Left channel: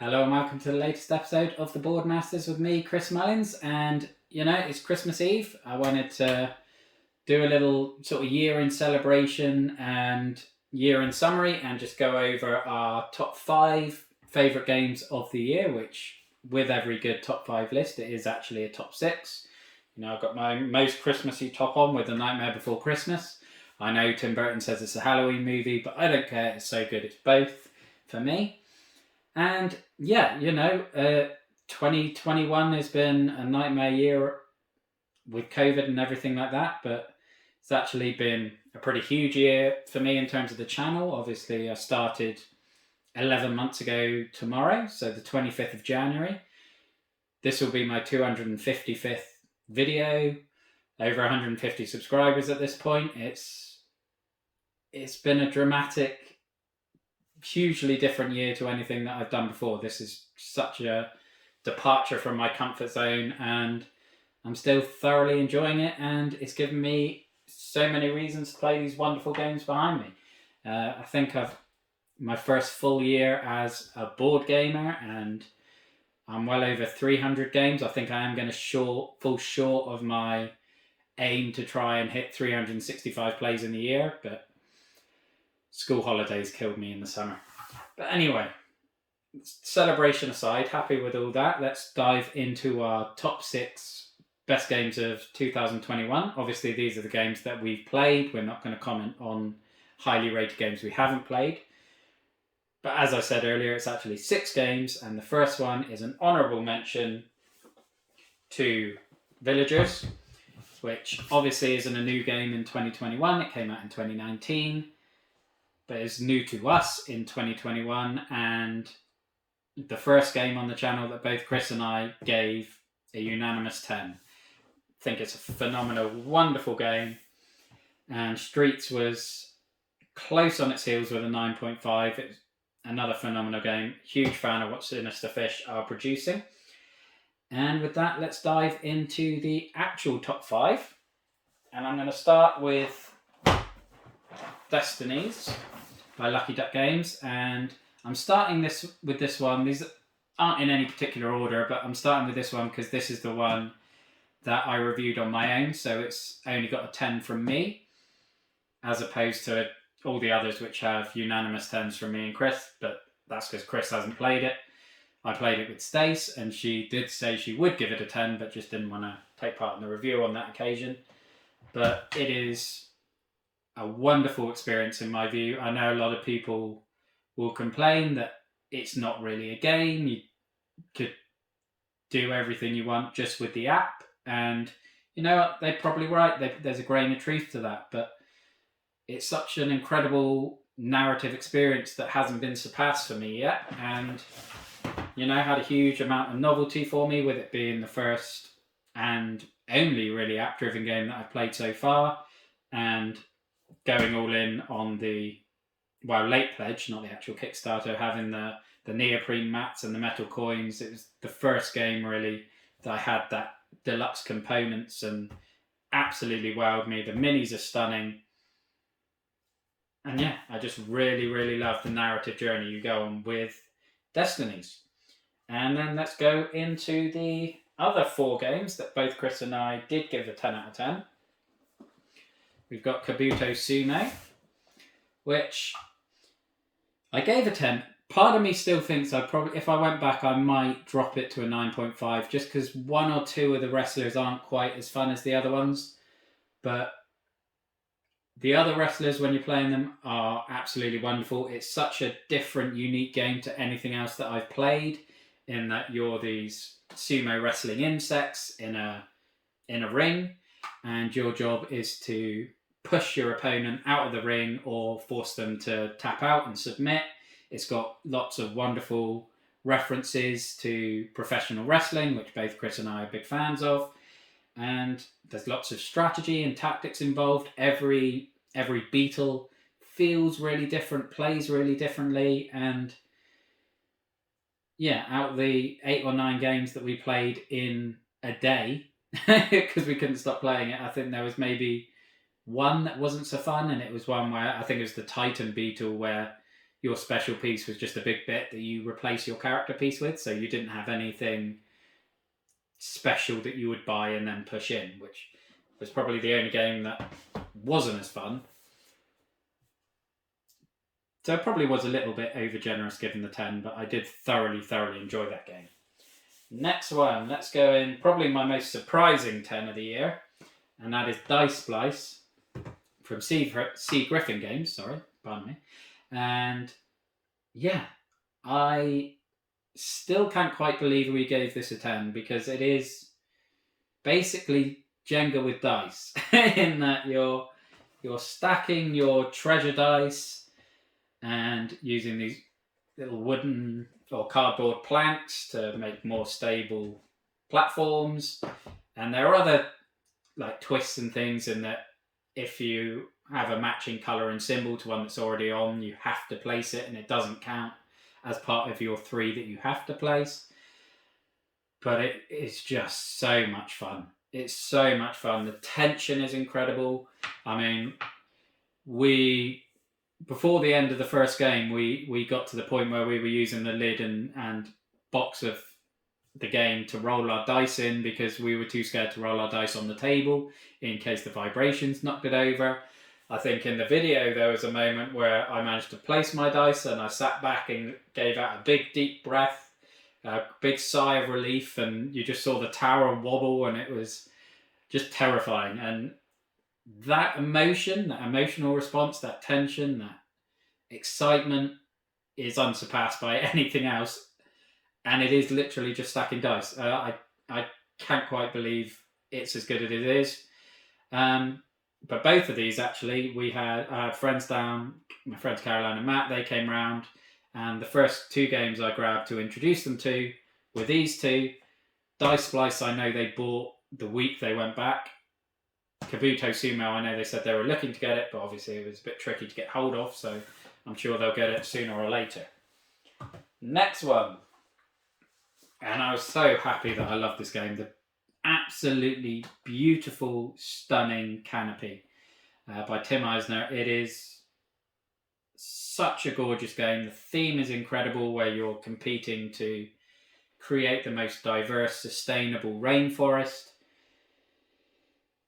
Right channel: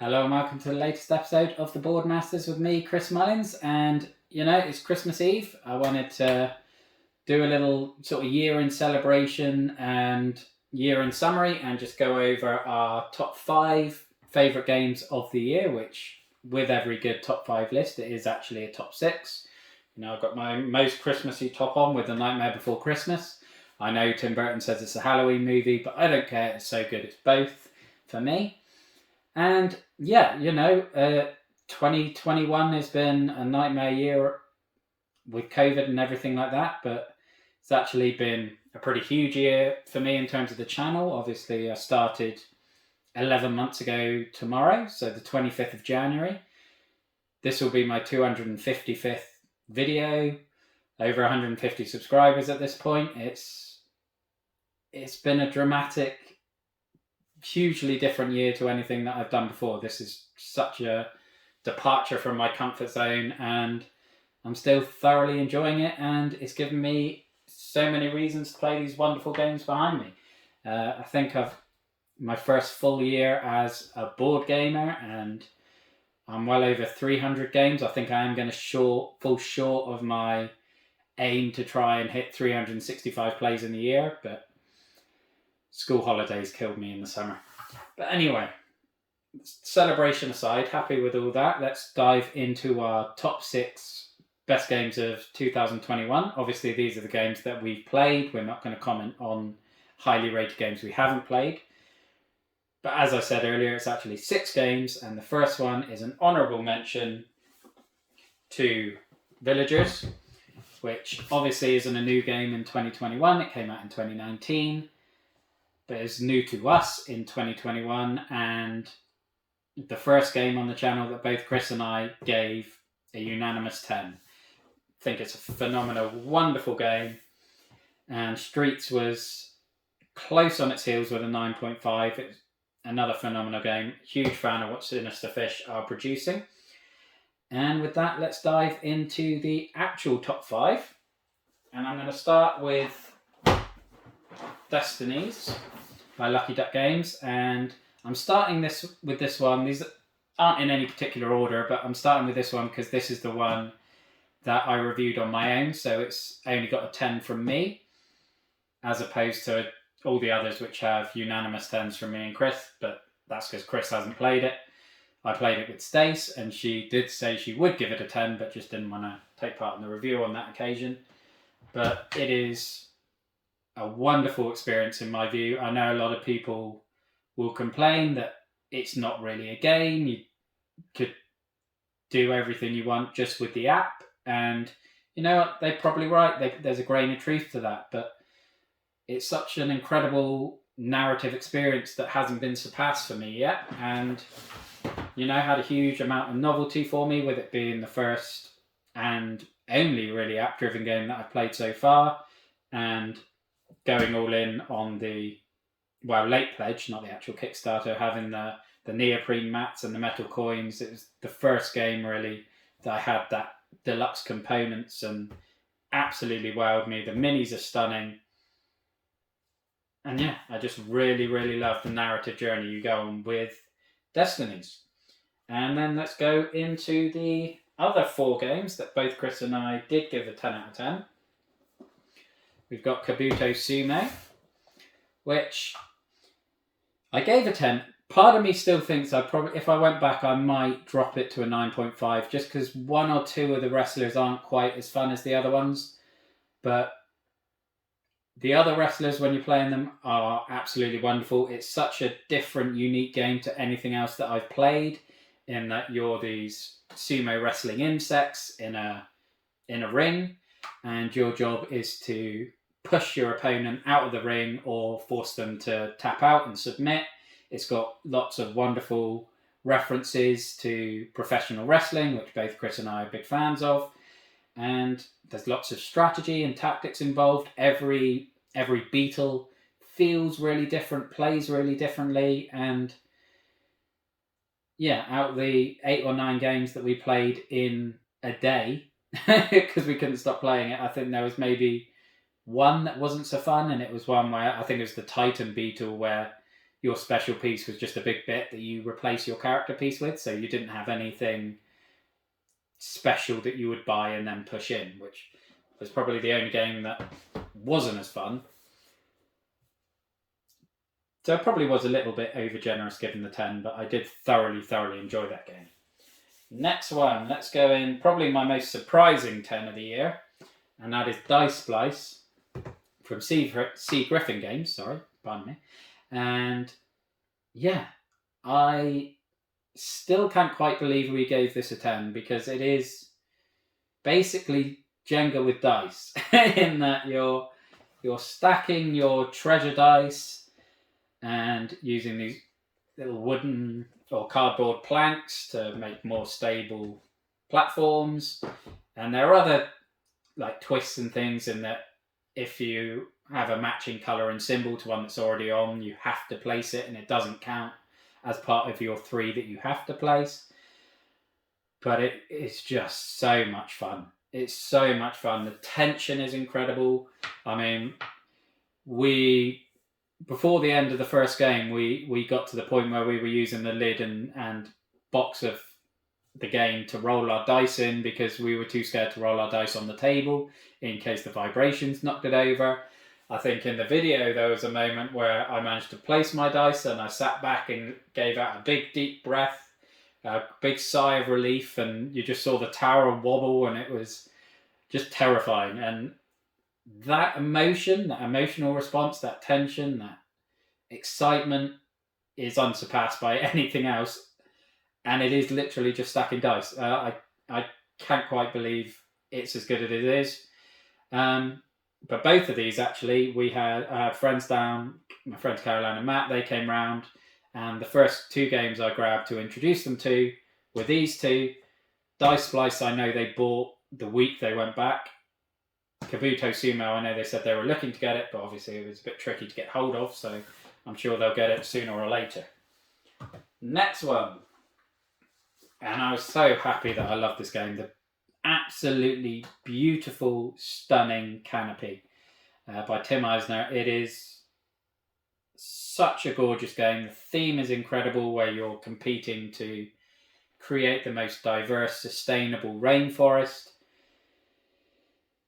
Hello and welcome to the latest episode of the Boardmasters with me, Chris Mullins. And it's Christmas Eve. I wanted to do a little sort of year in celebration and year in summary and just go over our top 5 favourite games of the year, which with every good top 5 list, it is actually a top 6. I've got my most Christmassy top on with The Nightmare Before Christmas. I know Tim Burton says it's a Halloween movie, but I don't care. It's so good. It's both for me. And 2021 has been a nightmare year with COVID and everything like that, but it's actually been a pretty huge year for me in terms of the channel. Obviously, I started 11 months ago tomorrow, so the 25th of January. This will be my 255th video, over 150 subscribers at this point. It's been a dramatic, hugely different year to anything that I've done before. This is such a departure from my comfort zone, and I'm still thoroughly enjoying it, and it's given me so many reasons to play these wonderful games behind me. I think I've my first full year as a board gamer, and I'm well over 300 games. I think I am going to fall short of my aim to try and hit 365 plays in the year, but school holidays killed me in the summer. But anyway, celebration aside, happy with all that. Let's dive into our top 6 best games of 2021. Obviously, these are the games that we've played. We're not going to comment on highly rated games we haven't played. But as I said earlier, it's actually 6 games, and the first one is an honourable mention to Villagers, which obviously isn't a new game in 2021. It came out in 2019, but it's new to us in 2021, and the first game on the channel that both Chris and I gave a unanimous 10. I think it's a phenomenal, wonderful game, and Streets was close on its heels with a 9.5. It's another phenomenal game. Huge fan of what Sinister Fish are producing. And with that, let's dive into the actual top 5. And I'm going to start with Destinies by Lucky Duck Games. And I'm starting with this one. These aren't in any particular order, but I'm starting with this one because this is the one that I reviewed on my own. So it's only got a 10 from me, as opposed to all the others which have unanimous 10s from me and Chris. But that's because Chris hasn't played it. I played it with Stace, and she did say she would give it a 10, but just didn't want to take part in the review on that occasion. But it is a wonderful experience in my view. I know a lot of people will complain that it's not really a game. You could do everything you want just with the app, and you know what? They're probably right. There's a grain of truth to that, but it's such an incredible narrative experience that hasn't been surpassed for me yet, and had a huge amount of novelty for me, with it being the first and only really app-driven game that I've played so far, and going all in on the late pledge, not the actual Kickstarter, having the neoprene mats and the metal coins. It was the first game really that I had that deluxe components, and absolutely wowed me. The minis are stunning, and I just really, really love the narrative journey you go on with Destinies. And then let's go into the other 4 games that both Chris and I did give a 10 out of 10. We've got Kabuto Sume, which I gave a 10. Part of me still thinks if I went back, I might drop it to a 9.5, just because 1 or 2 of the wrestlers aren't quite as fun as the other ones. But the other wrestlers, when you're playing them, are absolutely wonderful. It's such a different, unique game to anything else that I've played, in that you're these sumo wrestling insects in a ring, and your job is to push your opponent out of the ring or force them to tap out and submit. It's got lots of wonderful references to professional wrestling, which both Chris and I are big fans of. And there's lots of strategy and tactics involved. Every beetle feels really different, plays really differently, and out of the 8 or 9 games that we played in a day, because we couldn't stop playing it, I think there was maybe one that wasn't so fun, and it was one where I think it was the Titan Beetle, where your special piece was just a big bit that you replace your character piece with, so you didn't have anything special that you would buy and then push in, which was probably the only game that wasn't as fun. So it probably was a little bit over generous given the 10, but I did thoroughly enjoy that game. Next one, let's go in probably my most surprising 10 of the year, and that is Dice Splice from C. Griffin Games, sorry, pardon me. And yeah, I still can't quite believe we gave this a 10, because it is basically Jenga with dice in that you're stacking your treasure dice and using these little wooden or cardboard planks to make more stable platforms. And there are other like twists and things in that if you have a matching colour and symbol to one that's already on, you have to place it and it doesn't count as part of your 3 that you have to place. But it is just so much fun. It's so much fun. The tension is incredible. I mean, before the end of the first game, we got to the point where we were using the lid and box of the game to roll our dice in, because we were too scared to roll our dice on the table in case the vibrations knocked it over. I think in the video there was a moment where I managed to place my dice and I sat back and gave out a big deep breath, a big sigh of relief, and you just saw the tower wobble, and it was just terrifying. And that emotion, that emotional response, that tension, that excitement is unsurpassed by anything else. And it is literally just stacking dice. I can't quite believe it's as good as it is. But both of these, actually, I had friends down, my friends Caroline and Matt, they came round, and the first 2 games I grabbed to introduce them to were these 2. Dice Splice, I know they bought the week they went back. Kabuto Sumo, I know they said they were looking to get it, but obviously it was a bit tricky to get hold of, so I'm sure they'll get it sooner or later. Next one. And I was so happy that I loved this game. The absolutely beautiful, stunning Canopy by Tim Eisner. It is such a gorgeous game. The theme is incredible, where you're competing to create the most diverse, sustainable rainforest.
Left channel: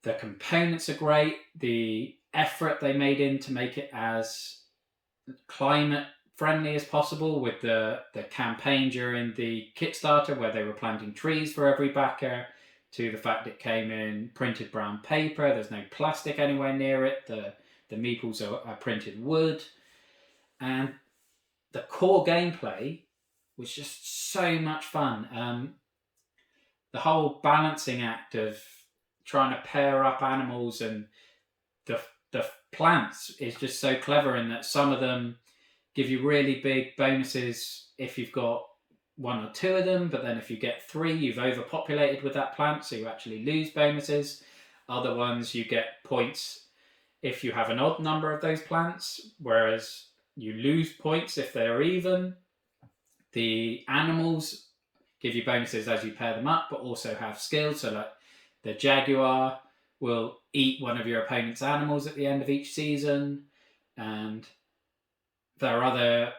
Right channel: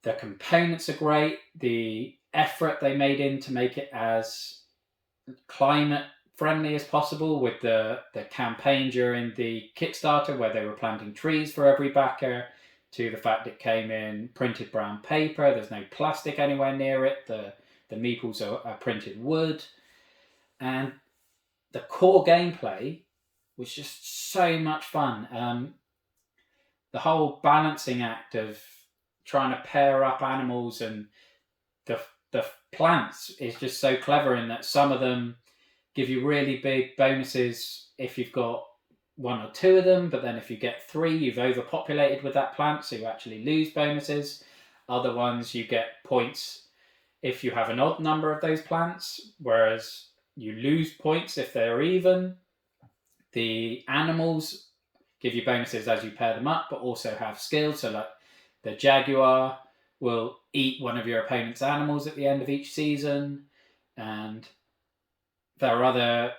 The components are great. The effort they made in to make it as climate friendly as possible, with the campaign during the Kickstarter where they were planting trees for every backer, to the fact it came in printed brown paper. There's no plastic anywhere near it. The meeples are printed wood. And the core gameplay was just so much fun. The whole balancing act of trying to pair up animals and the plants is just so clever, in that some of them give you really big bonuses if you've got 1 or 2 of them, but then if you get 3, you've overpopulated with that plant, so you actually lose bonuses. Other ones, you get points if you have an odd number of those plants, whereas you lose points if they're even. The animals give you bonuses as you pair them up, but also have skills. So like the jaguar will eat one of your opponent's animals at the end of each season. And there are other...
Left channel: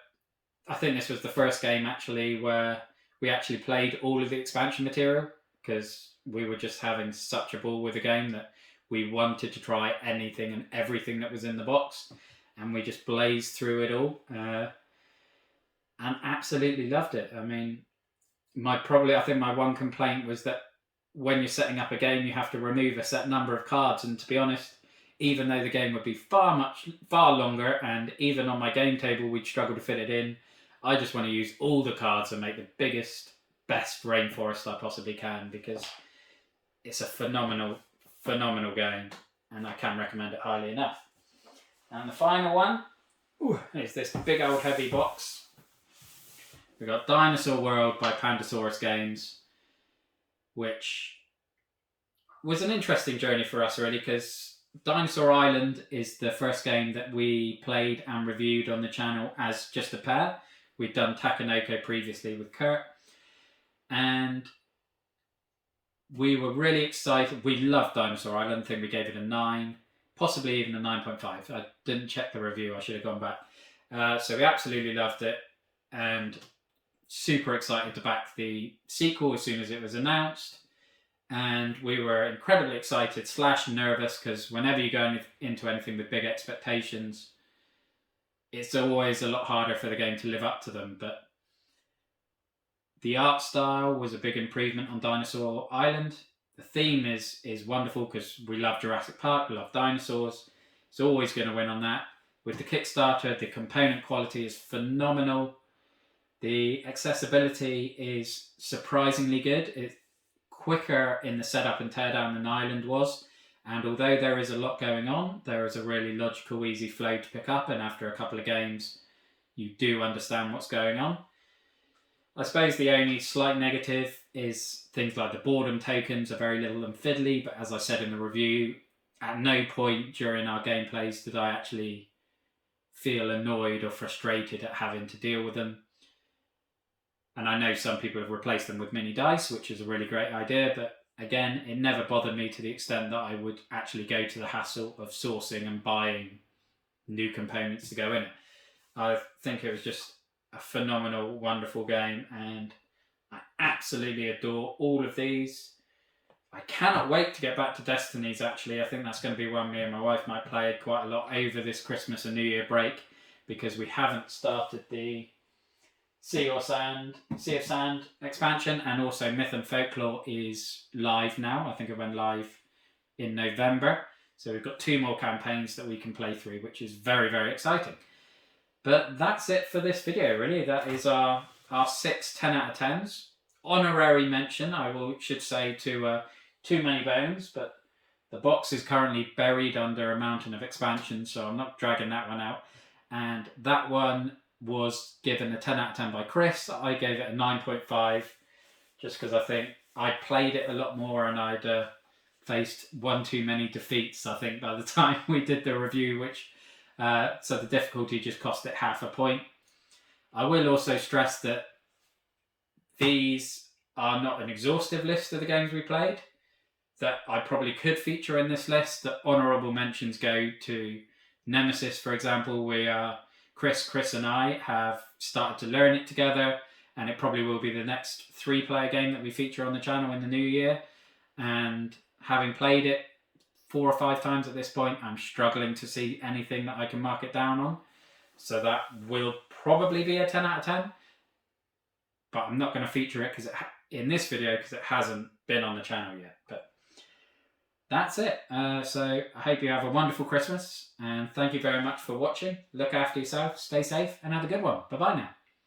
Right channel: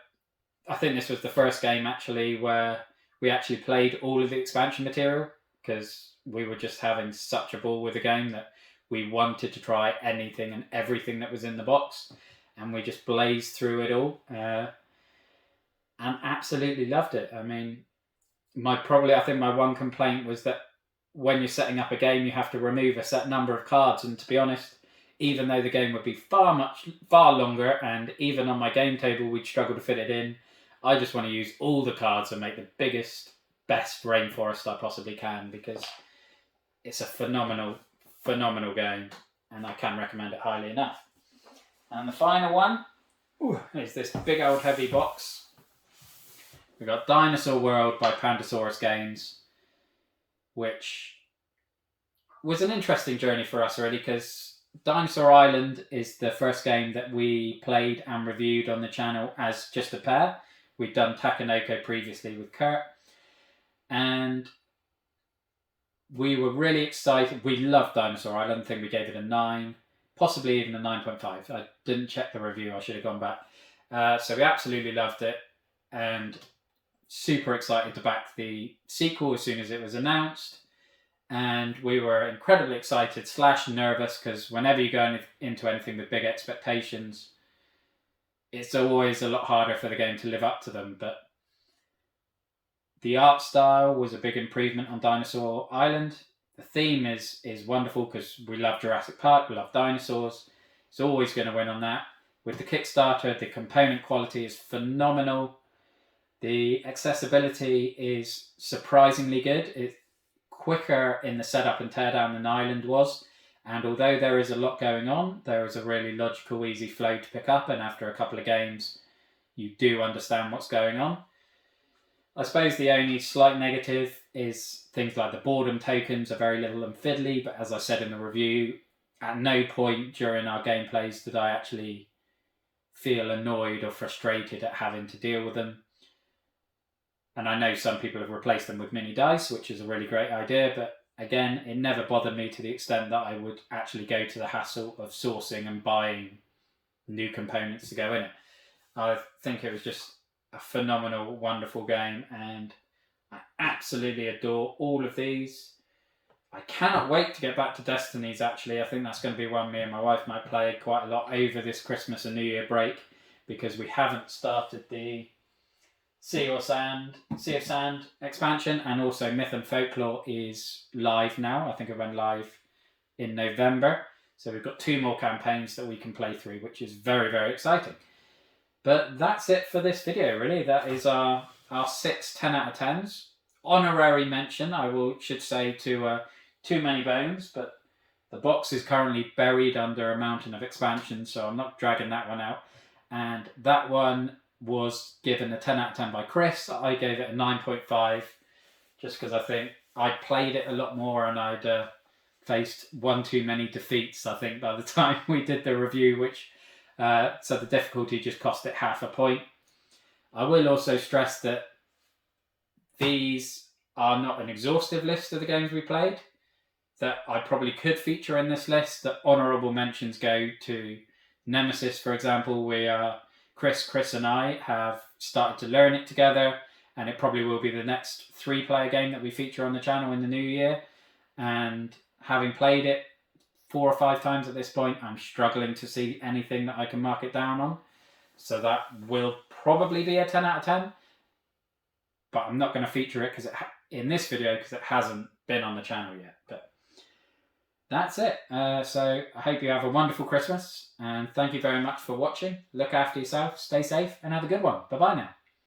I think this was the first game actually where we actually played all of the expansion material, because we were just having such a ball with the game that we wanted to try anything and everything that was in the box, and we just blazed through it all and absolutely loved it. I mean, I think my one complaint was that when you're setting up a game, you have to remove a set number of cards, and to be honest, even though the game would be far longer, and even on my game table we'd struggle to fit it in, I just want to use all the cards and make the biggest, best rainforest I possibly can, because it's a phenomenal game, and I can recommend it highly enough. And the final one is this big old heavy box. We've got Dinosaur World by Pandasaurus Games, which was an interesting journey for us, really, because Dinosaur Island is the first game that we played and reviewed on the channel as just a pair. We'd done Takanoko previously with Kurt, and we were really excited. We loved Dinosaur Island. I think we gave it a 9, possibly even a 9.5. I didn't check the review. I should have gone back. So we absolutely loved it, and super excited to back the sequel as soon as it was announced. And we were incredibly excited / nervous, because whenever you go into anything with big expectations, it's always a lot harder for the game to live up to them. But the art style was a big improvement on Dinosaur Island. The theme is wonderful, because we love Jurassic Park, we love dinosaurs. It's always going to win on that. With the Kickstarter, the component quality is phenomenal. The accessibility is surprisingly good. It's quicker in the setup and teardown than Island was. And although there is a lot going on, there is a really logical, easy flow to pick up. And after a couple of games, you do understand what's going on. I suppose the only slight negative is things like the boredom tokens are very little and fiddly. But as I said in the review, at no point during our gameplays did I actually feel annoyed or frustrated at having to deal with them. And I know some people have replaced them with mini dice, which is a really great idea. But again, it never bothered me to the extent that I would actually go to the hassle of sourcing and buying new components to go in it. I think it was just a phenomenal, wonderful game, and I absolutely adore all of these. I cannot wait to get back to Destinies, actually. I think that's going to be one me and my wife might play quite a lot over this Christmas and New Year break, because we haven't started the Sea of Sand expansion, and also Myth and Folklore is live now. I think it went live in November. So we've got 2 more campaigns that we can play through, which is very, very exciting. But that's it for this video, really. That is our 6 10 out of 10s. Honorary mention, should say, to Too Many Bones, but the box is currently buried under a mountain of expansion, so I'm not dragging that one out. And that one was given a 10 out of 10 by Chris. I gave it a 9.5, just because I think I played it a lot more and I'd faced one too many defeats, I think, by the time we did the review, which so the difficulty just cost it half a point. I will also stress that these are not an exhaustive list of the games we played, that I probably could feature in this list. That honourable mentions go to Nemesis, for example. Chris and I have started to learn it together, and it probably will be the next 3-player game that we feature on the channel in the new year. And having played it 4 or 5 times at this point, I'm struggling to see anything that I can mark it down on. So that will probably be a 10 out of 10. But I'm not going to feature it in this video, because it hasn't been on the channel yet. But that's it. So I hope you have a wonderful Christmas, and thank you very much for watching. Look after yourself, stay safe, and have a good one. Bye-bye now.